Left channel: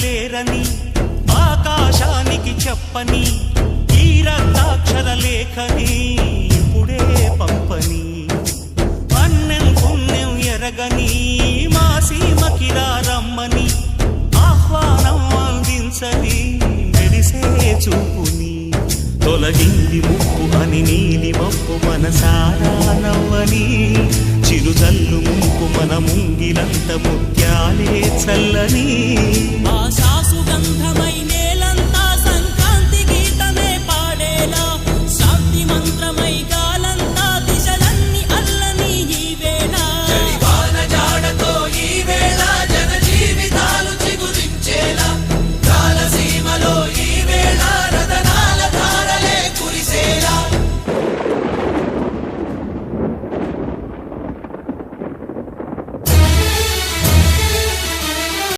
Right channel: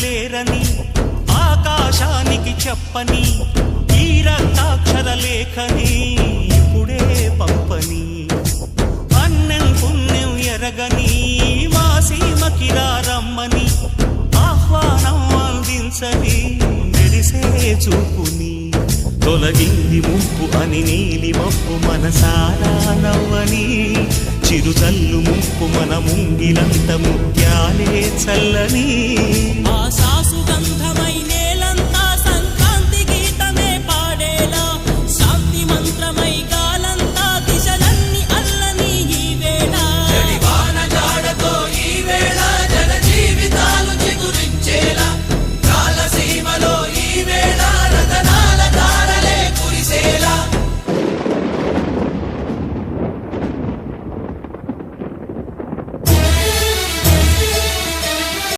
చెయ్యలేరని ఆకాశానికి చెప్పని ఈ రక్తాక్షర లేఖని ఇప్పుడే పంపని అన్నం పుణ్యం ఎరగని మా సీమకిరా రమ్మని ఆహ్వానం అందించని మెరిసే చూపుని తొలగింది ముప్పు అని నీలి మప్పు మనసారా నవ్వని చిరుజల్లు ముంపు మన ముంగిలంత ముత్యాలే చల్లని ఆశా సుగంధమై నేల